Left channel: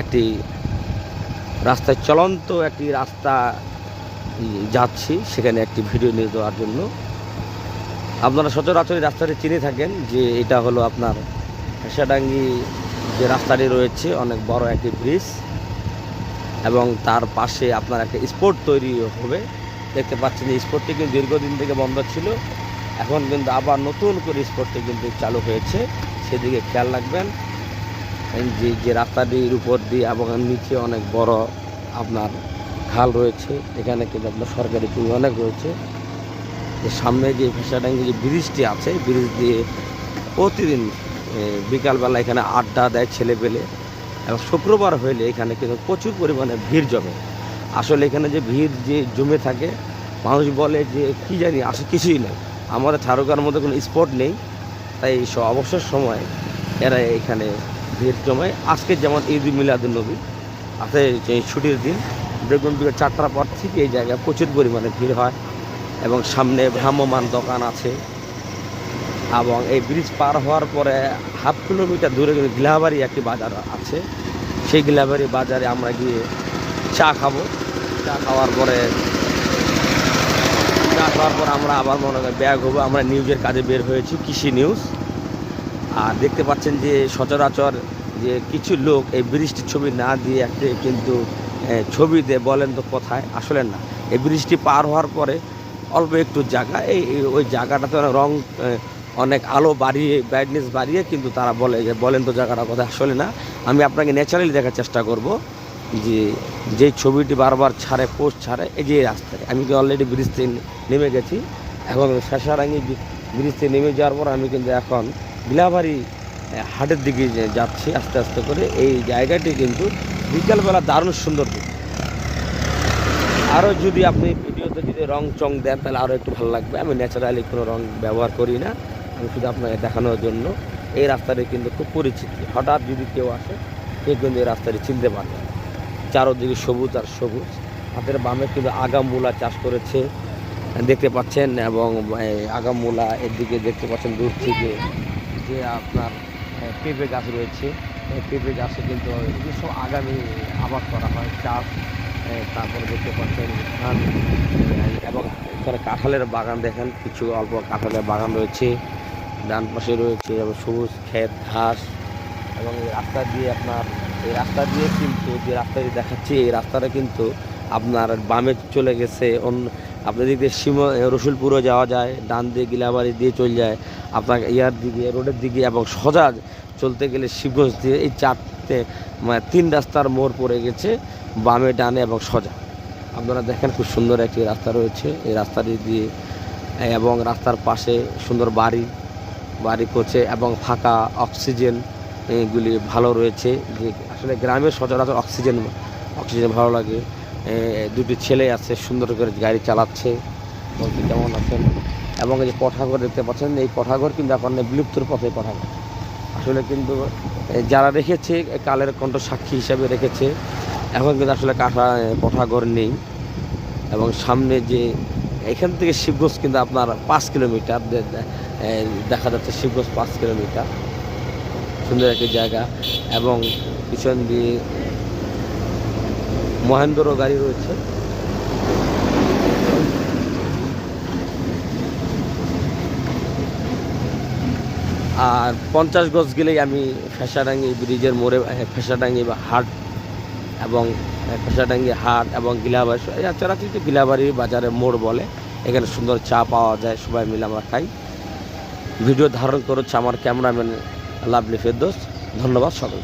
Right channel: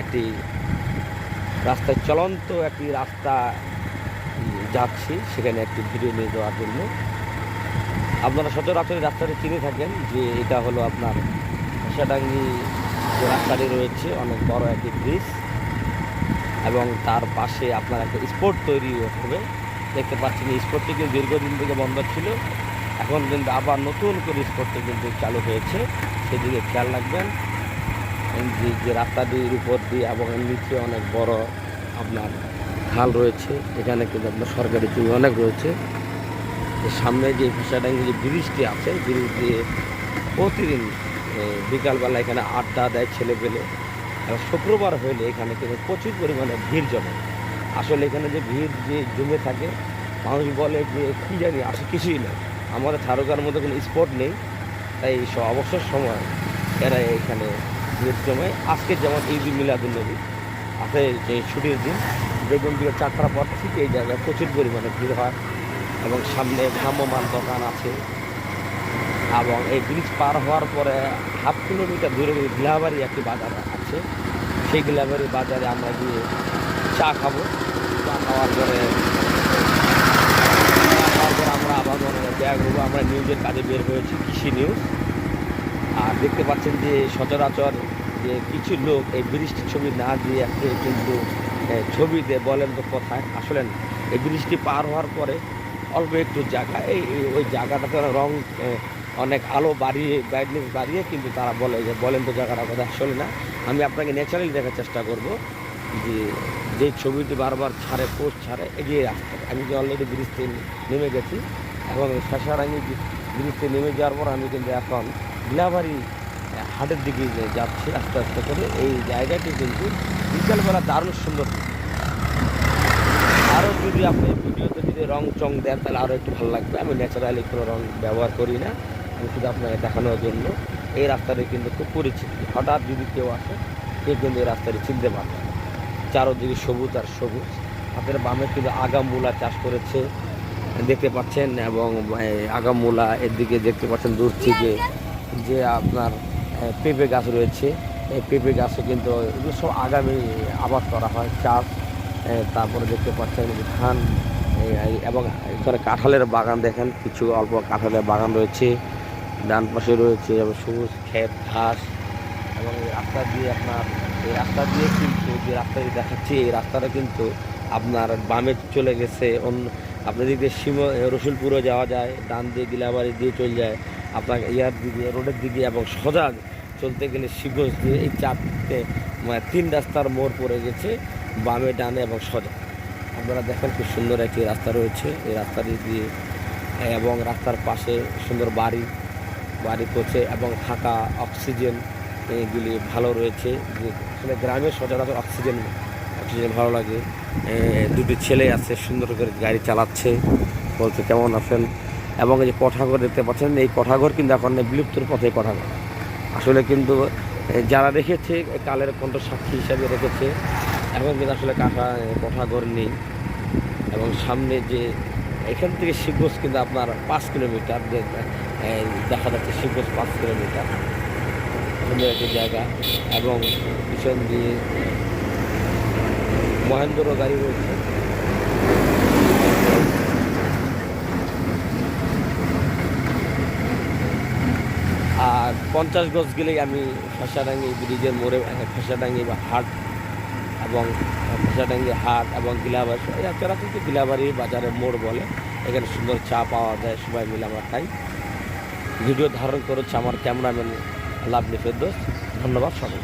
একটি রাস্তায় চলন্ত একটি রাস্তা যাচ্ছি, সেখানে একটি ভিডিও নিয়ে দেওয়ার জন্য। আপনারা সচরাচর রাস্তাটি চিনে থাকেন যে এটা হলো আপনার হাসাডাঙ্গি যে রাস্তাটি রয়েছে, অনেক বড় একটি ব্রিজ এবং তার পাশে আপনার একটা স্পোর্ট তৈরি হবে। দেখতে পাচ্ছেন এই স্পোর্টটি কিন্তু দীর্ঘদিন থেকে বন্ধ ছিল। এখন কিন্তু আবার নতুন করে স্পোর্টটি কিন্তু চালু হয়েছে। সেদিকে খেয়াল রাখবেন। যে যে রাস্তাটির উপর দিয়ে এবং নিচে অনেক বড় আপনার খাল রয়েছে। এখানে কিন্তু আপনার সরকারি জমি অনেক রয়েছে। সামনে যে ফেসাডাঙ্গি যে ব্রিজটি আছে ব্রিজ দিয়ে প্রতিদিন বিকালবেলা এখানে আড্ডা দেয় ছেলে পেলে এবং শুক্রবার হইলে এখানে কিন্তু প্রচুর পরিমাণে ভিড় জমে। আসলে এখানে যে ভিড় যে জমে থাকে, মানুষ বলে যে, কি জানি, আসে কিছুই না। আমাদের ঠারুকার মধ্যে কোনো স্পট নেই। তাই অবসর সময় এরা এখানে ভিড় জমে। আজকে যেমন ঈদ মিলাদুল নবী, আছে যে ছুটির দিন, বেগুন দিকে চারটার পর থেকে এই জায়গায় প্রচুর পরিমাণে ভিড় হয় এবং সামনে ভ্রাম্যমান দোকান আছে। এবং এই ব্রিজ পার হওয়ার পরে হাফ কিলোমিটার দূরে কিন্তু গিলাবাড়ি একটি বাজার আছে, সেই গিলাবাড়ি বাজারে আমরা গিয়ে চা খাব। চা খাওয়ার পরে, চা খাওয়ার পর আমরা আবার মনে করি ব্যাগ হব আমরা নিউজের কাজে বের হয়েছি, কৃষি নিউজ দেখতে পাচ্ছেন যে সচরাচর যে কিছু লোক এই ব্রিজটির ছবি না দিয়ে একটা কিন্তু ছবি দিয়ে বলেন তো কোথায়, আসলে না। এই ব্রিজটি পার হওয়ার পরে অল্প একটু জায়গা, এই ওই জায়গাটাতে রং অনেক আলো বাড়িয়ে ব্রাইটনেস বাড়িয়ে কিন্তু তারা বলে, যে বলেন তো জায়গাটা কথা, আসলে না। আমি আপনাকে ন্যাচারালি দেখার চেষ্টা করব যে যে ছবিটি বারবার ছাড়ে পোস্ট ছাড়ে, এই যে এই রাস্তাটা আমি তো অলরেডি ব্রিজ নেমে গেছি এবং শেষারাঙ্গি ব্রিজ নেমে যাওয়ার পর আমি কিন্তু এখন বিলাবাড়ি হাটের দিকে যাচ্ছি আস্তে আস্তে করে, এই জায়গাটি কিন্তু বিকালবেলা দারুণ সুন্দর। আরও যদি আপনি ভিডিওতে যদি রং চং দেন, তাহলে আরও একটু ভালো লাগবে। আমি ন্যাচারালি কোনো রং ব্যবহার করি না শুধু আপনাকে দেখানোর জন্য। এই রাস্তাটি কিন্তু খুব পরিচিত। হঠাৎ যদি কেউ আসে কেউ কিন্তু এই রাস্তাটি চিনতে পারবে। চারোদিকে সবুজ আর সবুজ। হাতের বামে কিন্তু আগাম মূলা চাষ করেছে, দেখতে পাচ্ছেন, এবং আগাম মূলা এর দিকে দেখতে পাচ্ছেন দূর থেকে। যে আপনার পেঁপে গাছ রয়েছে পেঁপে গাছে কিন্তু যেসব আগামী আবাদ করা হয়, চাষ তারপরে দেখতে পাচ্ছেন ধান এবং এখানে কাঁঠালের বাগান দেখেন, কিছু অল্প কাঁঠালের বাগান রয়েছে, ডান পাশে রয়েছে সবুজ ক্ষেত, ঘাস, এবং রাস্তা দিয়ে আপনার, এই রাস্তা দিয়ে কিন্তু যে রাস্তাটি দেখাচ্ছি, এই রাস্তাটা কিন্তু আপনার বামে চলে গেছে, অন্য আপনার দিকে সীম রসুলপুরও যাওয়া যায়, ডান দিয়ে গিলাবাড়ি দিয়ে চলে যায়, আপনার ইয়ার দিকে, রোডের দিকে এবং সজাগ চলতে গেলে শিবগঞ্জ দিয়ে এই চারটে তিন রাস্তার মোড় পড়ে গেছে, বামে, ডানে এবং সোজা আপনারা দেখেন খুব সুন্দর একটি রাস্তা রয়েছে, এই রাস্তাটি দিয়ে এবং রাস্তার পাশে সুন্দর বাড়ি বাড়ি করছে এবং ফাঁকা অক্সিজেন এইগুলি ভালো রয়েছে, যে আসলে গ্রামের সচরাচর অক্সিজেন অক্সিজেন ভালো লাগে। দুটি ছেলে আছে, সুন্দর করে গাড়ি চালাচ্ছে। বলছে, কেমন আছেন? এবং এই যে কঠাঘর দেখতে পাচ্ছেন, এই কঠাঘর কিন্তু এখন বিলুপ্তর পথে কঠাঘর। আসলে কিন্তু যারা রেখেছে কালের কণ্ঠ সাক্ষী হিসাবে রেখেছে, এখন কিন্তু আসলে কাঁথা কোঠাঘর নেই। এবং সামনে যে, এখান থেকে শিবগঞ্জ কিন্তু আপনার পাঁচ কিলোমিটার দেখা যাচ্ছে শিবগঞ্জ পাঁচ কিলোমিটার। সুন্দর একটি জায়গা। এবং পিছন দিয়ে মহেন্দ্র গাড়ি রয়েছে। আর পঞ্চাশ গজ গেলেই আমি ফেসাডাঙ্গি ব্রিজের মোড়ে ফেসাডাঙ্গি বা হাট এবং ফেসাডাঙ্গি হাট এবং গিলাবাড়ি এরা চরাচরিত গিলাবাড়ি বাজারের মোড় বলে। এখানে সুন্দর চা পাওয়া যায়, সবাই মিলে আমরা খাই। ভিডিও ধারণ করেছে আমার ক্যামেরাম্যান লাভলি ফেরদোস। ধন্যবাদ সবাই